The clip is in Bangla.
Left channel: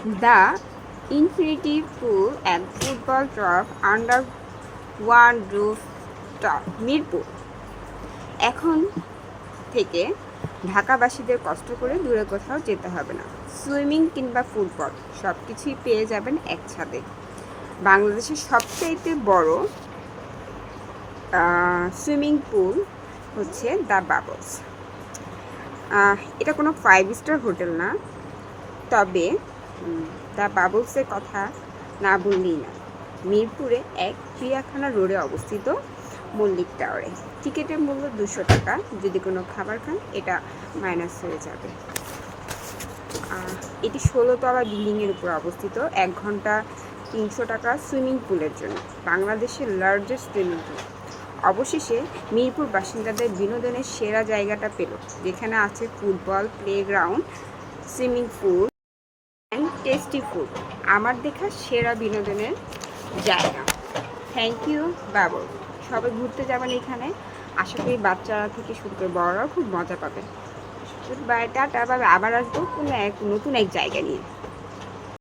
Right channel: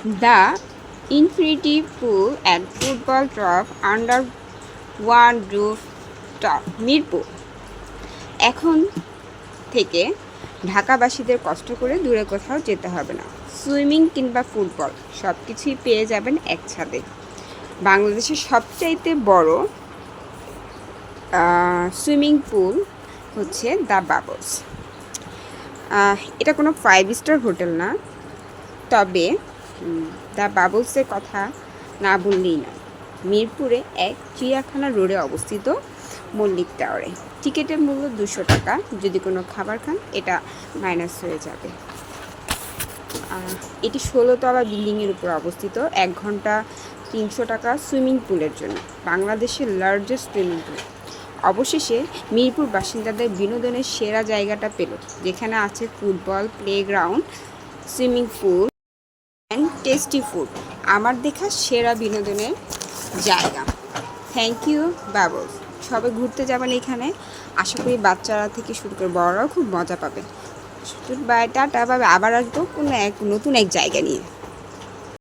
The infinity pool and football turf under one roof top Mirpur. এখন থেকে ঢাকাবাসীদের কষ্ট করে দূরে কোথাও যেতে হবে না। সুইমিং কিংবা ফুটবল সব কিছুই পেয়ে যাবেন এক ছাদে। বাংলাদেশের সবচাইতে বড় সুইমিং পুল হচ্ছে দ্য বাবলস। এটা কোনো 5 স্টার হোটেল না, তবে দ্য বাবলসের কথা না বললেই না। মিরপুরে এক চিড়িয়াখানা রোডে অবস্থিত মল্লিক টাওয়ারে টিকিটের মূল্য 200 টাকা। যদি কোনো খাবার খান এটা মাইনাস হয়ে যাবে। এটি 16তলা বিল্ডিংয়ের উপর অবস্থিত। 1 ঘন্টা 300 টাকা সুইমিং পুলের জন্য। বাংলাদেশের লার্জেস্ট সুইমিং পুল। অবশেষে মিরপুর বাসিন্দাদের বিনোদনের সেরা জায়গাটা পেল, যেখানে আছে football playground, swimming pool and tasty food. আমার দেখা সেরা বিনোদনের জায়গা। Thank you Bubbles. সবাই ঘুরতে যাবেন এখানে। আশা করি বাচ্চারা থেকে শুরু করে বড়রাও খুব মজা পাবে। বাই, টাটা, আবার আসবো কোনো নতুন এক জায়গা নিয়ে।